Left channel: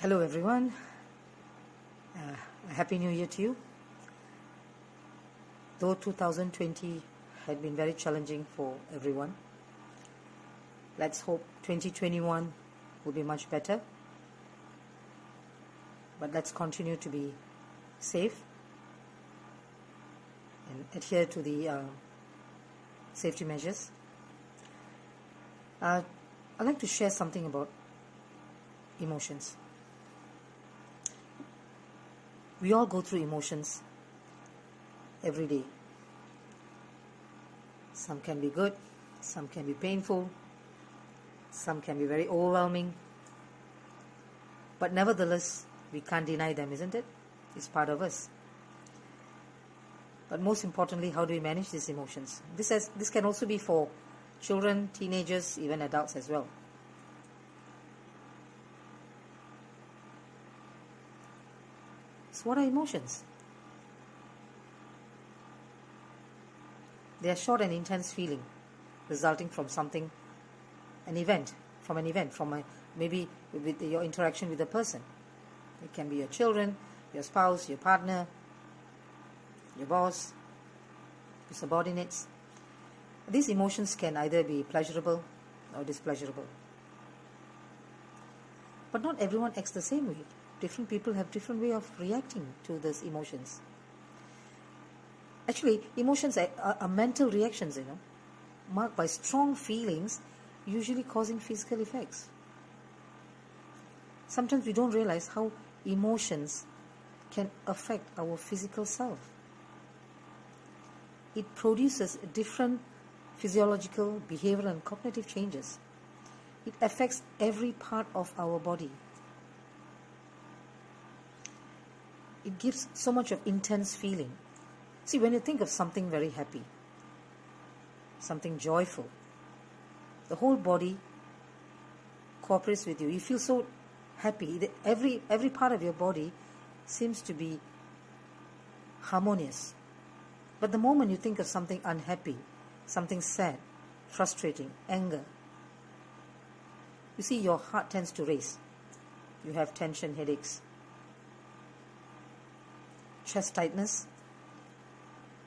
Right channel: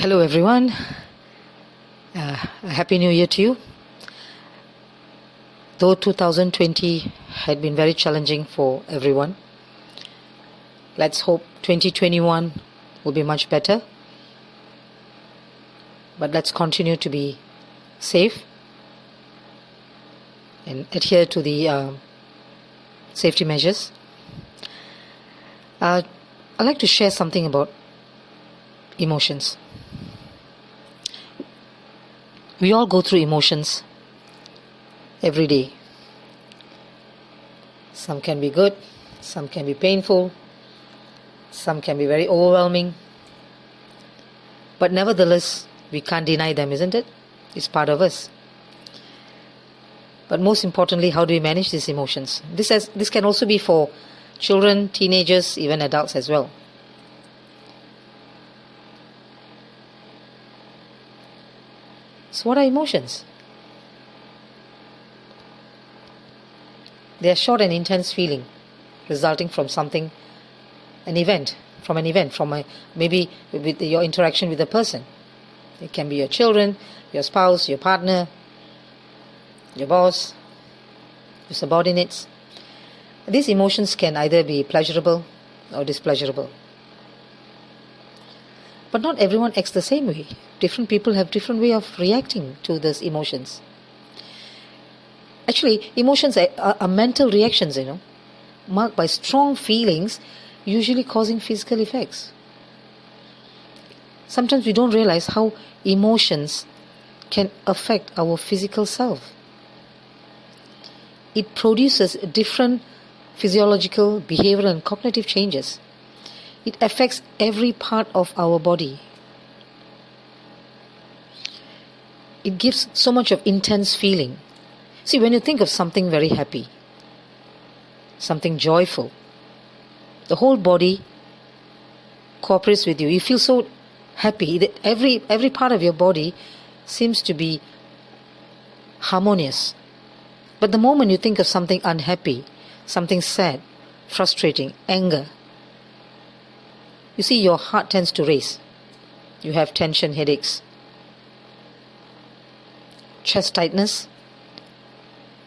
Hello everyone, a happy new year to you. Though 2020 had been very challenging for everyone, let's hope 2021 will be much better. But let's continue to be safe and adhere to the safety measures. I'd like to share something about emotions. We all go through emotions every day. Some can be good, some can be painful, some can be very overwhelming. But nevertheless, we can't deny them, isn't it? It's part of us. But most importantly, how do we manage these emotions? This can also be for children, teenagers, even adults as well. So what are emotions? They are short and intense feeling resulting from something, maybe with your interaction with a person. It can be your children, your spouse, your partner, your boss, your subordinates. These emotions can either be pleasurable or displeasurable. But not everyone acts the same way. Different people have different way of reacting to those emotions. Actually, emotions are mental reactions, marked by strong feelings, usually causing physical effects. Sometimes we don't realize how emotions can affect our physical self. It produces different physiological, behavioral, and cognitive changes. It affects every part of our body. It gives so much of intense feeling. See, when you think of something very happy, something joyful, the whole body cooperates with you. You feel so happy that every part of your body seems to be harmonious. But the moment you think of something unhappy, something sad, frustrating, anger, you see your heart tends to race. You have tension, headaches, chest tightness,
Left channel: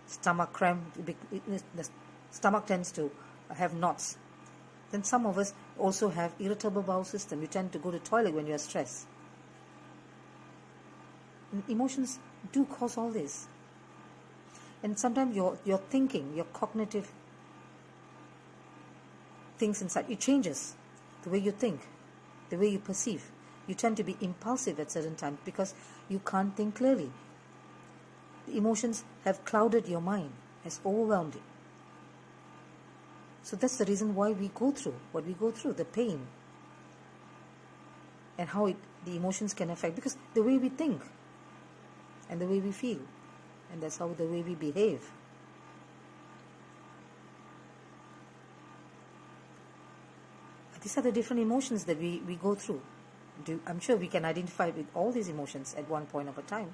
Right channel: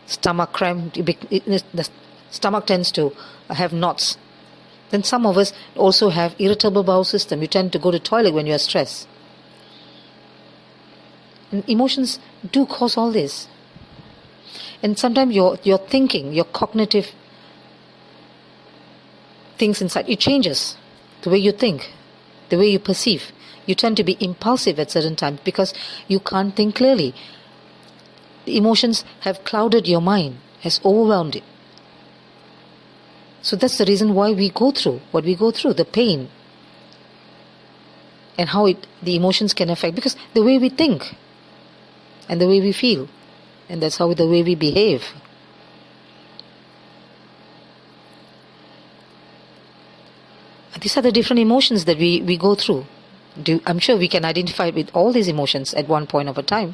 stomach cramp. The stomach tends to have knots. Then some of us also have irritable bowel system. You tend to go to toilet when you are stressed. And emotions do cause all this. And sometimes your thinking, your cognitive things inside, it changes. The way you think, the way you perceive. You tend to be impulsive at certain times because you can't think clearly. The emotions have clouded your mind, has overwhelmed it. So that's the reason why we go through what we go through, the pain, and how the emotions can affect, because the way we think and the way we feel, and that's how the way we behave. These are the different emotions that we go through. I'm sure we can identify with all these emotions at one point of a time.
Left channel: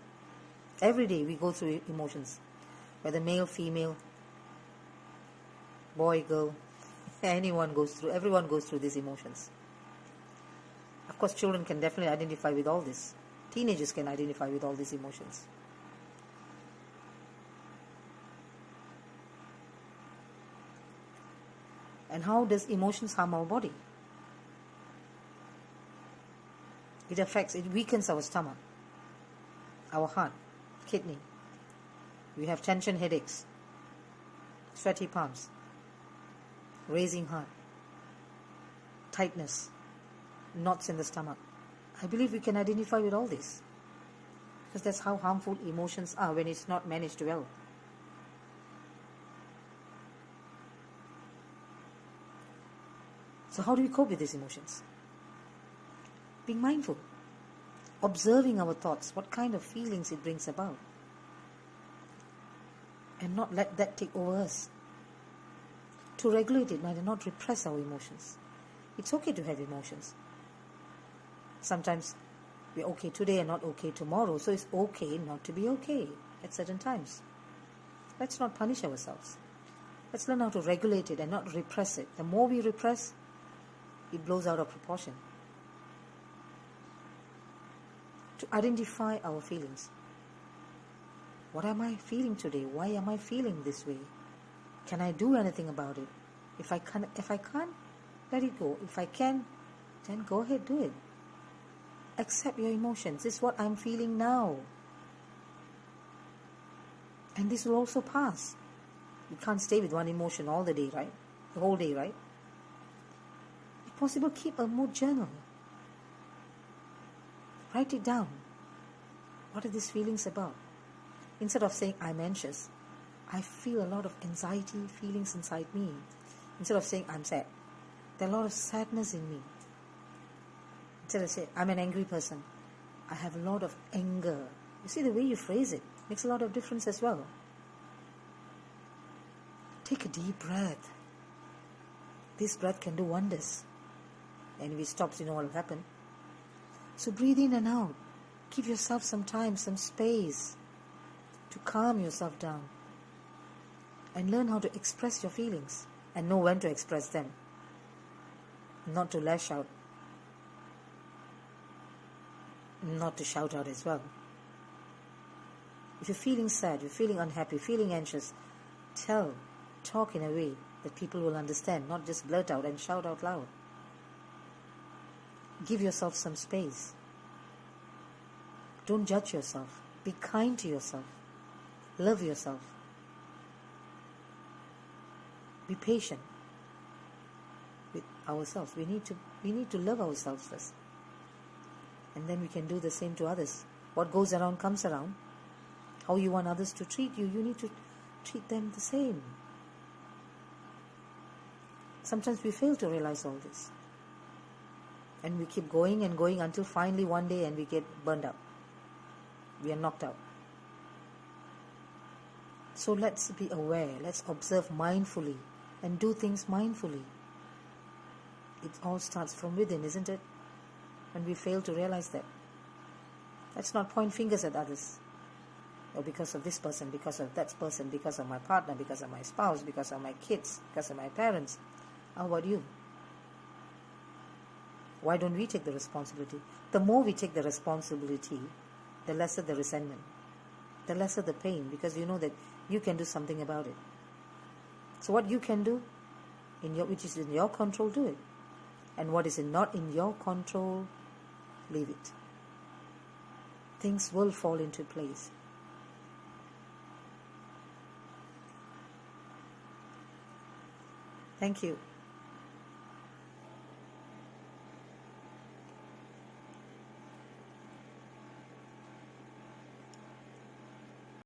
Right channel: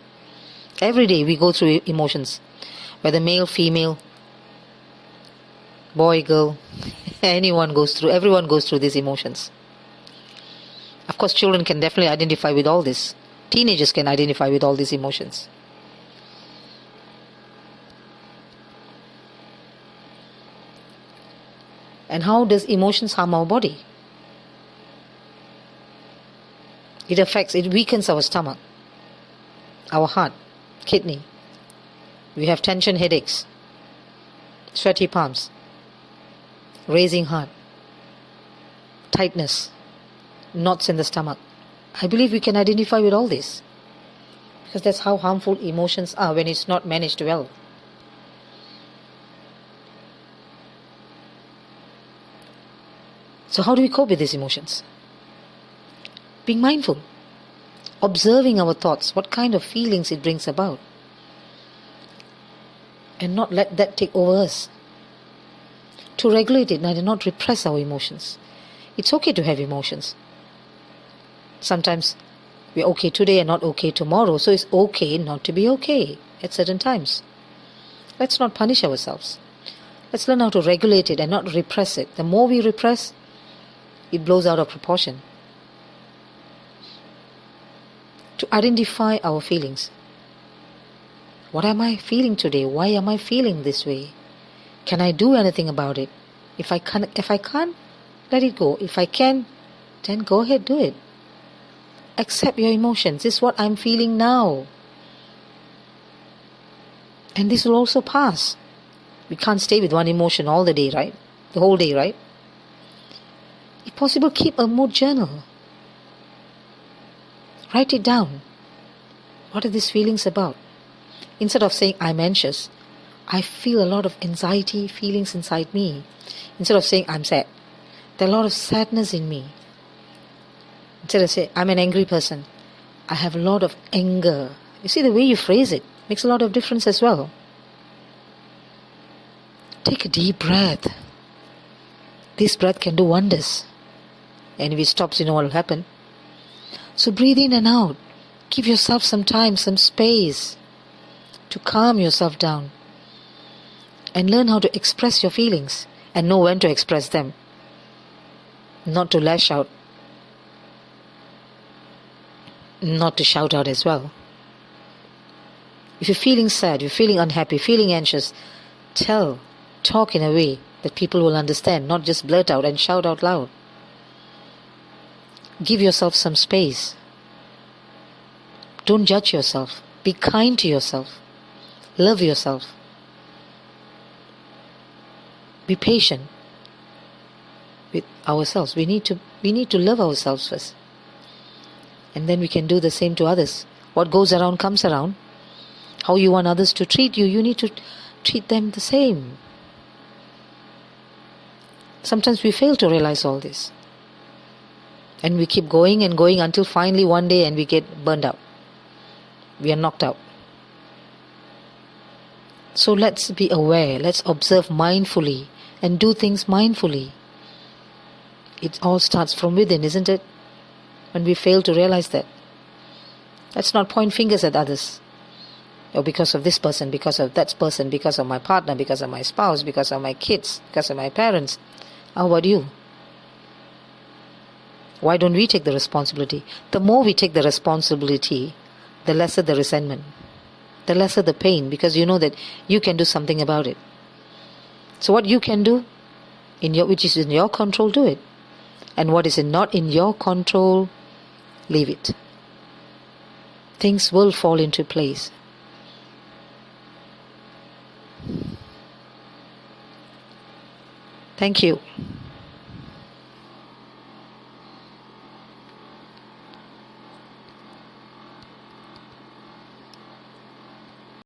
Every day we go through emotions, whether male, female, boy, girl, everyone goes through these emotions. Of course, children can definitely identify with all this. Teenagers can identify with all these emotions. And how does emotions harm our body? It weakens our stomach, our heart, kidney. We have tension, headaches, sweaty palms, raising heart, tightness, knots in the stomach. I believe we can identify with all this, because that's how harmful emotions are when it's not managed well. So how do we cope with these emotions? Being mindful, observing our thoughts, what kind of feelings it brings about, and not let that take over us. To regulate it and not repress our emotions. It's okay to have emotions. Sometimes we're okay today and not okay tomorrow, so it's okay not to be okay at certain times. Let's not punish ourselves. Let's learn how to regulate it and not repress it. The more we repress, it blows out of proportion. to identify our feelings. What am I feeling today? Why am I feeling this way? Can I do anything about it? If I can't, let it go. If I can, then go ahead, do it. Accept your emotions. This is what I'm feeling now. And this will also pass. We can't stay with one emotion all the day, right? The whole day, right? If possible, keep a mood journal. Write it down. What are these feelings about? Instead of saying, I'm anxious, I feel a lot of anxiety feelings inside me. Instead of saying, I'm sad, there are a lot of sadness in me. Instead of saying, I'm an angry person, I have a lot of anger. You see, the way you phrase it makes a lot of difference as well. Take a deep breath. This breath can do wonders. And if it stops, you know what will happen. So breathe in and out. Give yourself some time, some space to calm yourself down. And learn how to express your feelings and know when to express them. Not to lash out. Not to shout out as well. If you're feeling sad, you're feeling unhappy, feeling anxious, talk in a way that people will understand, not just blurt out and shout out loud. Give yourself some space. Don't judge yourself. Be kind to yourself. Love yourself. Be patient with ourselves. We need to love ourselves first. And then we can do the same to others. What goes around comes around. How you want others to treat you, you need to treat them the same. Sometimes we fail to realize all this. And we keep going and going until finally one day and we get burned out. We are knocked out. So let's be aware. Let's observe mindfully and do things mindfully. It all starts from within, isn't it? When we fail to realize that. Let's not point fingers at others. Or because of this person, because of that person, because of my partner, because of my spouse, because of my kids, because of my parents. How about you? Why don't we take the responsibility? The more we take the responsibility, the lesser the resentment, the lesser the pain, because you know that you can do something about it. So what you can do, which is in your control, do it. And what is not in your control, leave it. Things will fall into place. Thank you.